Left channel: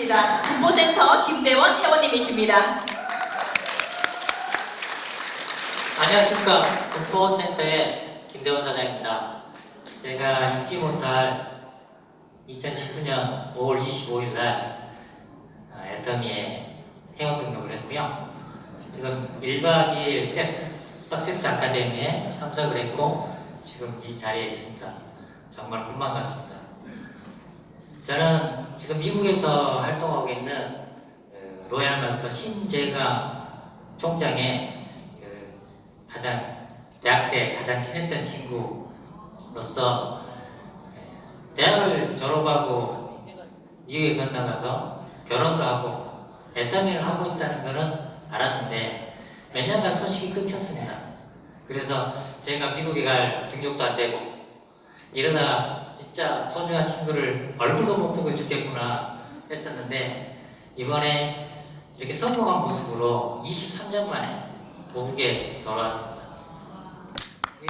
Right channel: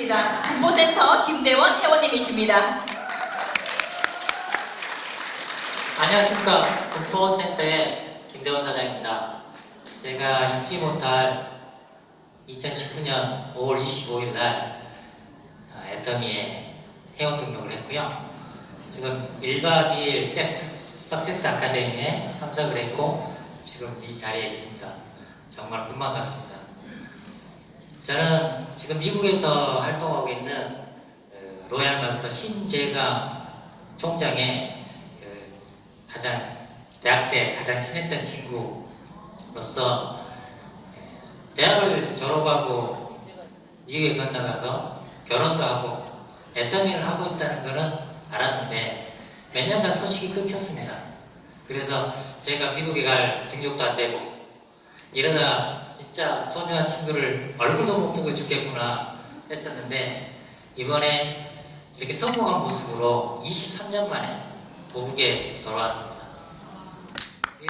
입니다. 군보센터 김대원 회원님이십니다. 안녕하십니까. 국보센터의 김대원 사장입니다. 제가 잊지 못할 2019년 5월 25일 날 아, 애터미에 회원 등록을 했고요. 지금 1박 2일 섹스, 석세스 아카데미에 참석을 했고 지금 이 자리에 있습니다. 정말 꿈만 같습니다. 지금 미국에서 활동하고 있는 그 로얄 마스터 신재가 총장의 그 가장 대학 때 가장 친했던 친구로서 에, 대학을 졸업하고 미국에 건너가서 결혼도 하고 애터미를 하고 있다는 것은 알았는데 몇 년간 소식이 끊겼습니다. 그래서 제가 미국에 갈 등록도 안 되고 이러다 진짜 소중한 친구를 얼굴도 못 보고 죽겠구나 했었는데 이번에 이렇게 성공한 모습으로 23년 만에 도국에 돌아왔습니다. 이,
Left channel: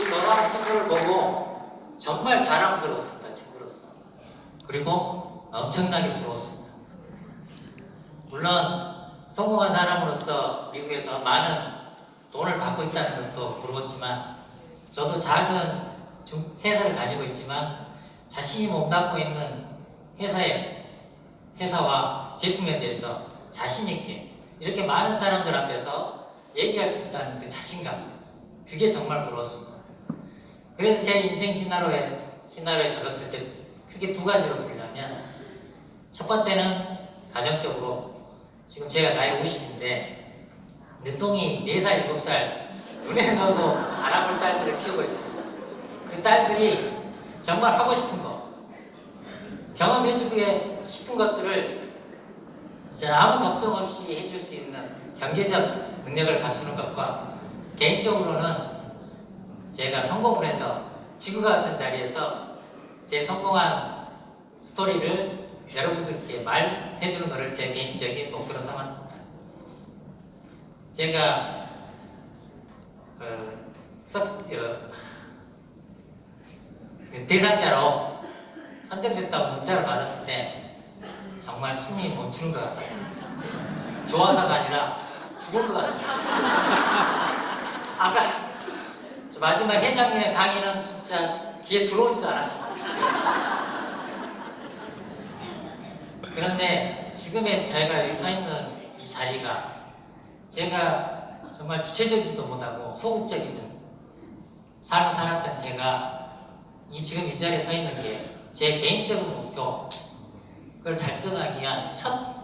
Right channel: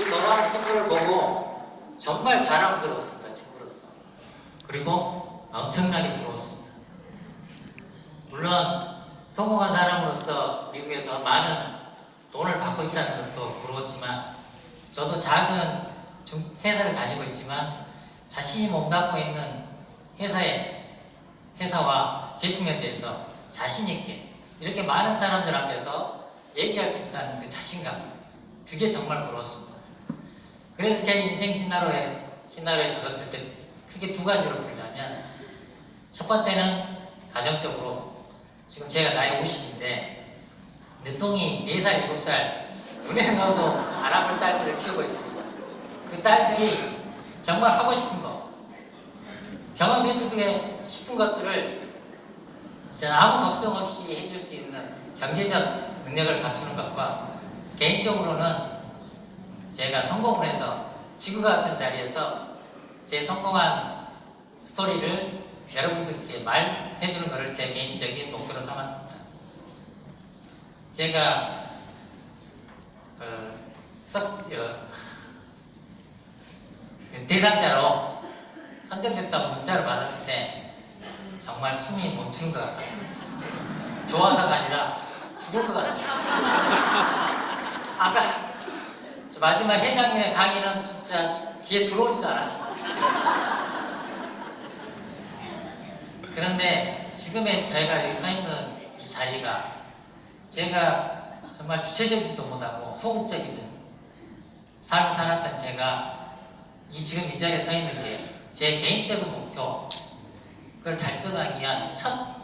이 돌아온 친구를 보고 정말 자랑스러웠습니다, 친구로서. 그리고 엄청나게 부러웠습니다. 물론 성공한 사람으로서 미국에서 많은 돈을 받고 있다는 것도 부러웠지만 저도 작은 중- 회사를 가지고 있지만 자신이 몸담고 있는 회사의 회사와 제품에 대해서 자신 있게 이렇게 많은 사람들 앞에서 얘기할 수 있다는 그 자신감 그게 정말 부러웠습니다. 그래서 제 인생 시나리오에 시나리오에 적었을 때 크게 두 가지로 분류하면 첫 번째는 가정적으로 지금 제가 나이 50인데 늦둥이 4살, 7살 눈에 넣어도 알 아볼 딸들을 키우고 있습니다. 그 딸들이 정말 하고 싶은 거, 경험해주고 싶은 것들을 아무 걱정 없이 해줄 수 있는 경제적 능력을 갖추는 것과 개인적으로는 제가 성공을 해서 지구 같은 자리에서 제 성공한 스토리를 여러분들께 말해주는 것을 제 개인적인 목표로 삼았습니다. 제가 어, 석, 어, 대상자로 선정됐다고 문자를 받았을 때 정말 숨이 멈추는 것 같았습니다. 좋아서가 아니라 죽을 것 같았습니다. 아까 저 마지막 회장님의 강의는 진짜 귀에 들어오지도 않았습니다. 그런데 지금의 제가 여기 서 있는 이 자리가 제가 정말 주체적이지도 못하고 소극적이든 삶을 살았던 제가 이 지금 이 자리에 서 있는 게 제 개인적인 목표 그걸 달성하기 위한 첫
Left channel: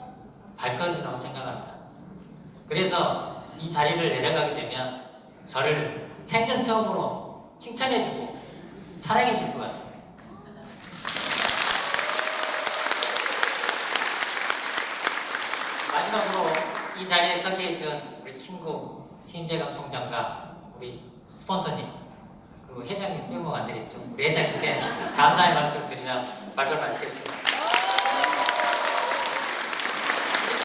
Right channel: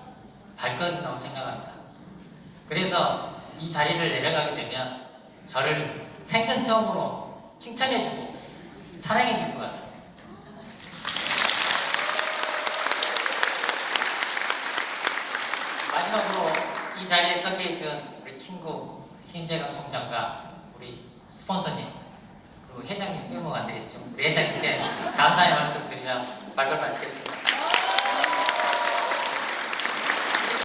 발걸음이라고 생각합니다. 그래서 이 자리를 내려가게 되면 저를 생전 처음으로 칭찬해주고 사랑해줄 것 같습니다. 마지막으로 이 자리에 서게 해준 우리 친구 신재건 총장과 우리 스폰서님 그리고 회장님 빼먹 안 드렸죠. 우리 회장님께 감사의 말씀 드리며 발표를 마치겠습니다.